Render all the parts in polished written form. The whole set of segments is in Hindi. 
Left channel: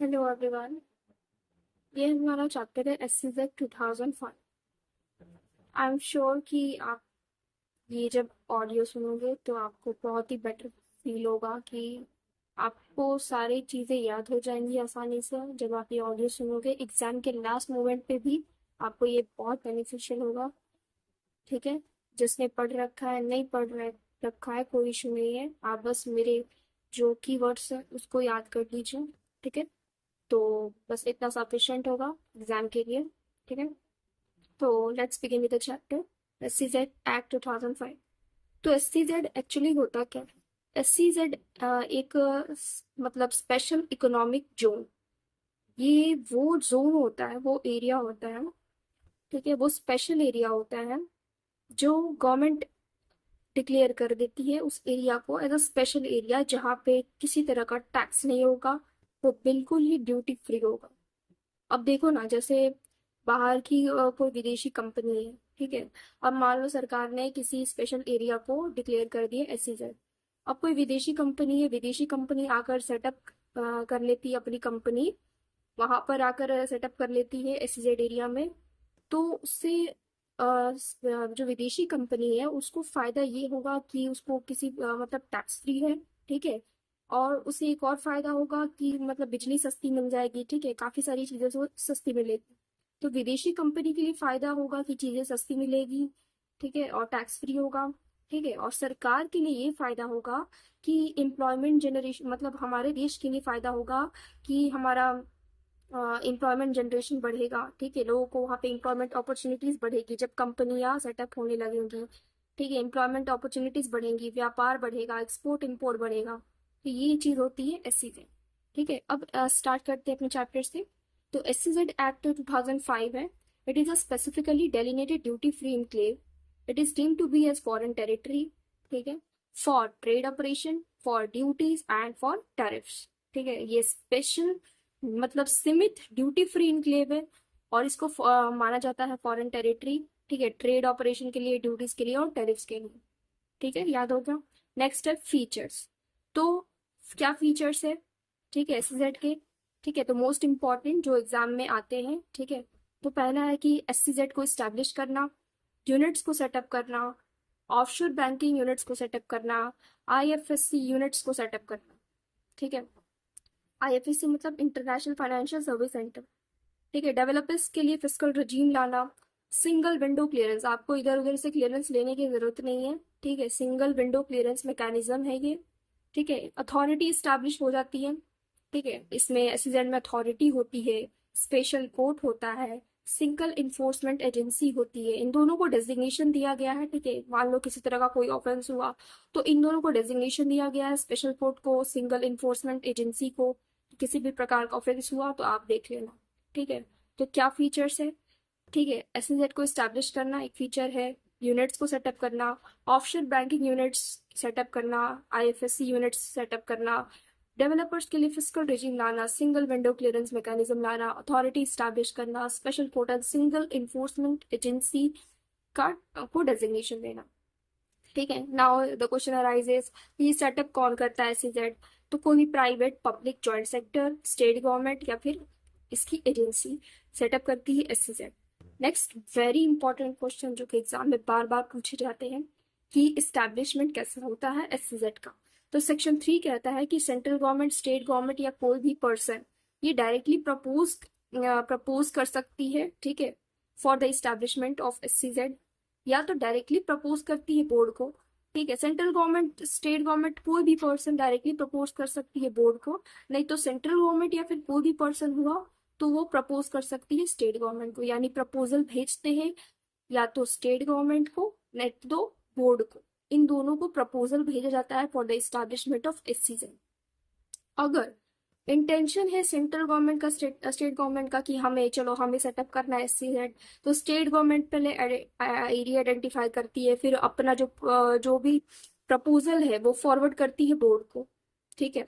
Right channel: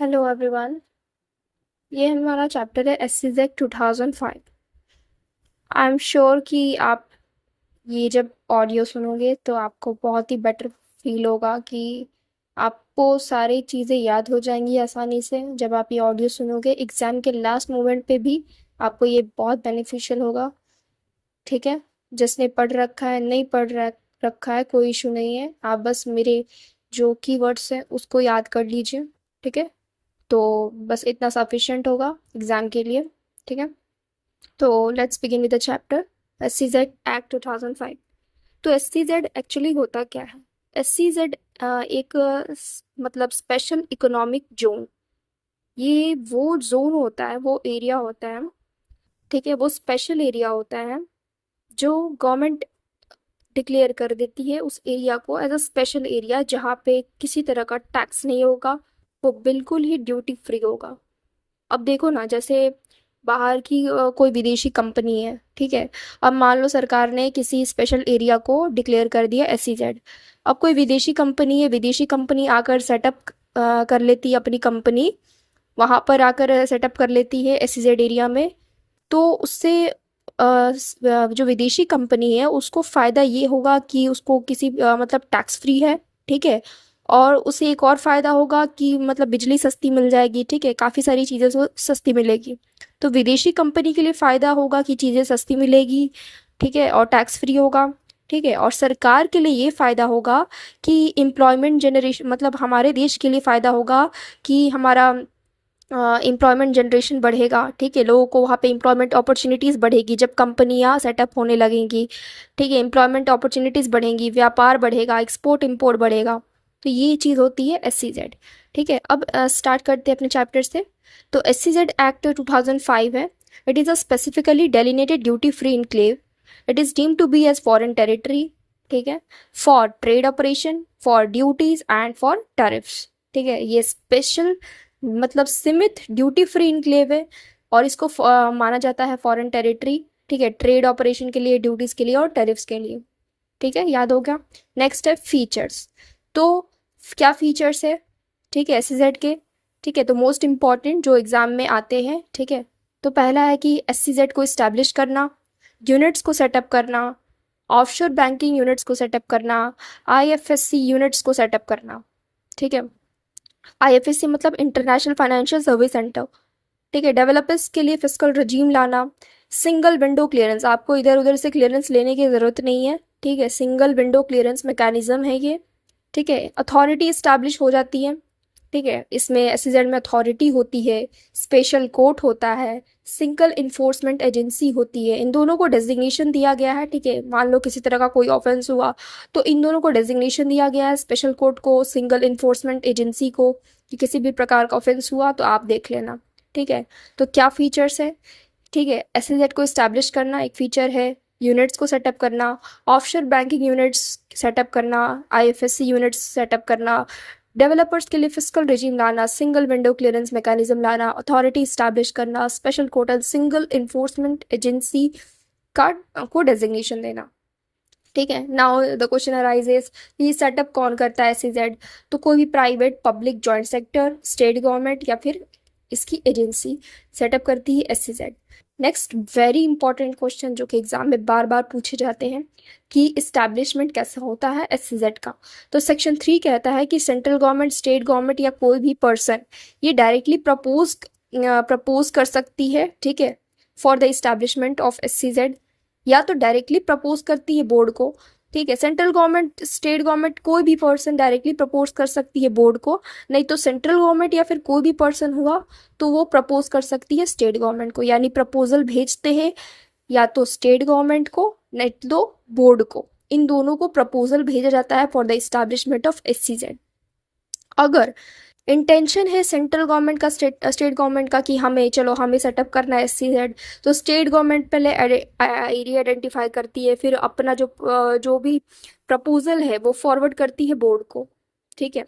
Hello everyone. ये हमारा चैप्टर है एससीजेड 2005। आई एम श्योर कि आप ये जब ऑडियो सुनोगे तो आपको बहुत ही बेटर फील होगा कि आपको सारी चीज़ें याद हो जाएंगी आसानी से। जब आप ये ऑडियो सुनोगे एग्ज़ाम के लास्ट मोमेंट पे भी आपको ये बहुत बेनिफिशियल होगा। ठीक है, जिसने पढ़ रखा है नहीं रखा है कोई इशू नहीं है, आप बस मेरे जो कीवर्ड्स हैं उसको याद कर लीजिए। ठीक है, तो बस इतना सफिशिएंट होगा एग्जाम के लिए। ठीक है, तो let's begin with the chapter SCZ act 2005। तो एससीजेड एक्चुअली होता क्या है? एससीजेड एक मतलब स्पेशल इकोनॉमिक जोन। ये वो जोन होता है, वो एरिया होता है। ठीक है, वो स्पेशल एरिया होता है जो गवर्नमेंट डिक्लेयर कर देती है उस एरिया को एज अ स्पेशल एरिया, जहाँ पे किसी तरह का टैक्स नहीं होगा, वो बिल्कुल ही ड्यूटी फ्री होगा। अब देखो ना, जैसे बाहर की कोई विदेशी कंपनी है, ठीक है। अब मान लो सरकार ने किसी स्पेशल एरिया को डिक्लेयर कर दिया एसईजेड। अब कोई विदेशी कंपनी है, विदेशी कंपनी आकर सेटअप कर लेती है अपनी कंपनी, वहां पर आकर सेटअप कर लेती है एसईजेड एरिया में। तो उससे जो विदेशी कंपनी है उसको फ़ायदा ये होगा कि उसको किसी मतलब टैक्स फ्री है। ठीक है, और उसे एक और फ़ायदा होगा कि मतलब बिजली सस्ती मिल जाएगी। ठीक है, काफ़ी सारी चीज़ें सस्ती मिलेगी। तो विदेशी कंपनी के लिए फ़ायदा होगा कि चीज़ें सस्ती मिलेगी। ठीक है, और टैक्स फ्री होगा। ठीक है, और सरकार के लिए ये फ़ायदा होगा कि एम्प्लॉयमेंट जनरेशन, मतलब हमारे देश के लिए फ़ायदा होगा कि हमारा एम्प्लॉयमेंट जनरेशन बढ़ेगा। ठीक है, लोगों को वहाँ पे एम्प्लॉयमेंट अपॉर्चुनिटीज़ बढ़ेगी जब कंपनियाँ सेटअप होने लगेंगी। ठीक है, एम्प्लॉयमेंट अपॉर्चुनिटीज़ बढ़ेंगी, व्यापार बढ़ेगा, एक्सपोर्ट इंपोर्ट बढ़ेगा। तो ये चीज़ होती है एससीजेड। ठीक है, अब स्टार्ट करते हैं अपने चैप्टर से। तो एससीजेड एक्ट 2005 है। It is a specifically delineated duty free enclave. It is deemed to be as foreign territory. ठीक है, for trade operation, for duties and for tariffs. ठीक है, ये स्पेशल मतलब सीमित ड्यूटी फ्री इनक्लेव है और इसको माना जाता है फॉरेन टेरिटरी। ठीक है, ट्रेड ऑपरेशन के लिए, ड्यूटीज के लिए और टैरिफ्स के लिए। ठीक है, याद हो गया। नेक्स्ट है फीचर्स। तो क्या फीचर्स है? ठीक है, एससीजेड के। ठीक है, तो मोस्ट इम्पॉर्टेंट जो एग्जाम में आते हैं। ठीक है, तो पहला है कि एससीजेड को इस्टेब्लिश करना, यूनिट्स को सेटअप करना, ऑफशोर बैंकिंग यूनिट्स को सेटअप करना, आईएफएससी यूनिट्स को सेटअप करना। ठीक है, आईएफएससी मतलब इंटरनेशनल फाइनेंशियल सर्विस सेंटर। ठीक है, डेवलपर्स के लिए फिस्कल रजीम लाना, सिंगल विंडो क्लियरेंस, आपको इधर उधर से क्लियरेंस लेने की ज़रूरत नहीं है। ठीक है, सिंगल विंडो क्लियरेंस मैकेनिज्म है ये। ठीक है, अथॉरिटी इस्टेब्लिश हो जाती है। ठीक है, इसमें एसईजेड में अथॉरिटी होती है, स्पेशल कोर्ट होता है, सिंगल इन्फोर्समेंट एजेंसी होती है। इन दोनों को डेजिग्नेशन दिया गया है। ठीक है, मान लो किसी तरह का कोई ऑफेंस हुआ तो इन दोनों को डेजिग्नेशन दिया गया है, स्पेशल कोर्ट को, सिंगल इन्फोर्समेंट एजेंसी को, कि किसी भी प्रकार का ऑफेंस हुआ तो आप देख लेना। ठीक है, तो क्या फीचर्स है? ठीक है, एसएलजेड को इस्टेब्लिश करना एक फीचर है, यूनिट्स को सेटअप करना, ऑफशोर बैंकिंग यूनिट्स सेटअप करना, आईएफएससी यूनिट्स सेटअप करना, डेवलपर्स के लिए फिस्कल रेजिम लाना, सिंगल विंडो क्लियरेंस मैकेनिज्म लाना, अथॉरिटी इस्टेब्लिश करना, special court and single enforcement agency का को डेजिग्नेशन देना। ठीक है, नाउ द क्वेश्चन अराइजेस, ये सेटअप कौन करता है एसईजेड? तो कोई भी private, public, joint sector, state government या फिर इसकी एजेंसी सेटअप करती है SEZ. Next very important question जो कि एग्जाम में बार बार पूछे जाते हैं कि इस्टेब्लिशमेंट कैसे होता है एसईजेड का। तो सेक्शन 3 कहता है कि सेंट्रल गवर्नमेंट, स्टेट गवर्नमेंट या कोई भी पर्सन ये डायरेक्टली प्रपोज कर सकती है। ठीक है, for the establishment of SEZ, या तो डायरेक्टली प्रपोज करती है बोर्ड को। ठीक है, सेंट्रल गवर्नमेंट, स्टेट गवर्नमेंट, कोई भी पर्सन डायरेक्टली प्रपोज कर सकती है बोर्ड को, नहीं तो सेंट्रल गवर्नमेंट या फिर कोई भी पर्सन हुआ तो वो प्रपोज कर सकती है स्टेट गवर्नमेंट को। यानी प्रपोजल भेजते हैं या तो स्टेट गवर्नमेंट को, नहीं तो बोर्ड को। इन दोनों को प्रपोजल भेजा जाता है for the establishment of SCZ. अगर इंटेंशन है सेंट्रल गवर्नमेंट का, स्टेट गवर्नमेंट का कि हमें, चलो हमें सेटअप करना है एससीजेड, तो स्टेट गवर्नमेंट पहले एरिया आइडेंटिफाई करती है, फिर अपना जो भी प्रपोजल है वो फॉरवर्ड करती है बोर्ड को। ठीक है,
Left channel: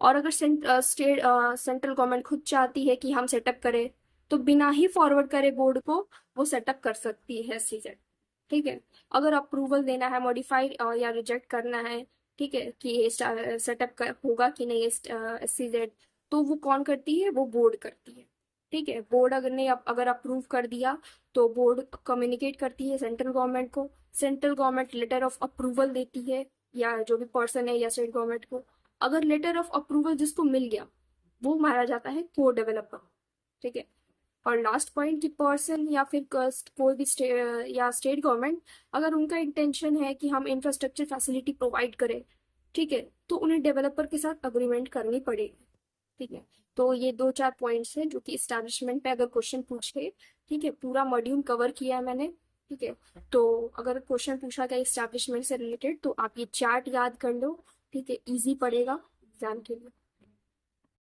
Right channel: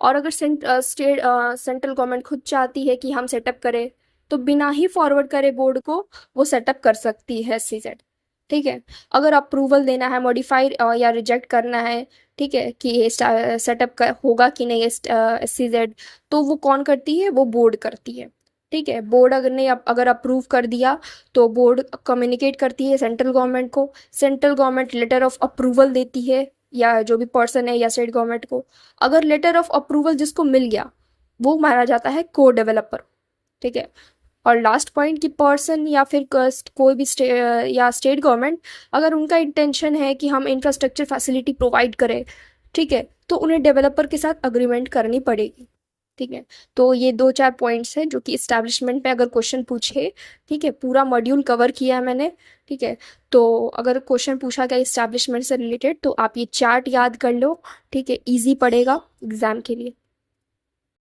और अगर सेंट्रल गवर्नमेंट खुद चाहती है कि हम सेटअप करें तो बिना ही फॉरवर्ड करे बोर्ड को वो सेटअप कर सकती है एससीजेड। ठीक है। अगर अप्रूवल देना है, मॉडिफाई या रिजेक्ट करना है, ठीक है, कि ये सेटअप होगा कि नहीं SCZ, तो वो कौन करती है? वो बोर्ड करती है। ठीक है, बोर्ड अगर नहीं अगर अप्रूव कर दिया तो बोर्ड कम्युनिकेट करती है सेंट्रल गवर्नमेंट को, central government letter of approval देती है या जो भी पर्सन है या स्टेट गवर्नमेंट को। अगर लेटर ऑफ अप्रूवल जिसको मिल गया वो माना जाता है को डेवलपर। ठीक है। और लास्ट पॉइंट कि पर्सन या फिर कोई भी या स्टेट गवर्नमेंट, अगर उनका इंटेंशन है कि हम इंफ्रास्ट्रक्चर फैसिलिटी प्रोवाइड करें, ठीक है, तो उन्हें डेवलपर के साथ अग्रीमेंट करनी पड़ेगी। ठीक है। तो ये दो चार पॉइंट्स हैं जो कि इस्टेब्लिशमेंट पे अगर क्वेश्चन पूछे, ठीक है, पूरा मॉड्यूल कवर किया है मैंने। ठीक है। तो अगर क्वेश्चन पूछा गया इस्टेब्लिशमेंट से रिलेटेड तो आप ये चार्ट याद कर लो। ठीक है, इजी पड़ेगा एग्जाम के लिए।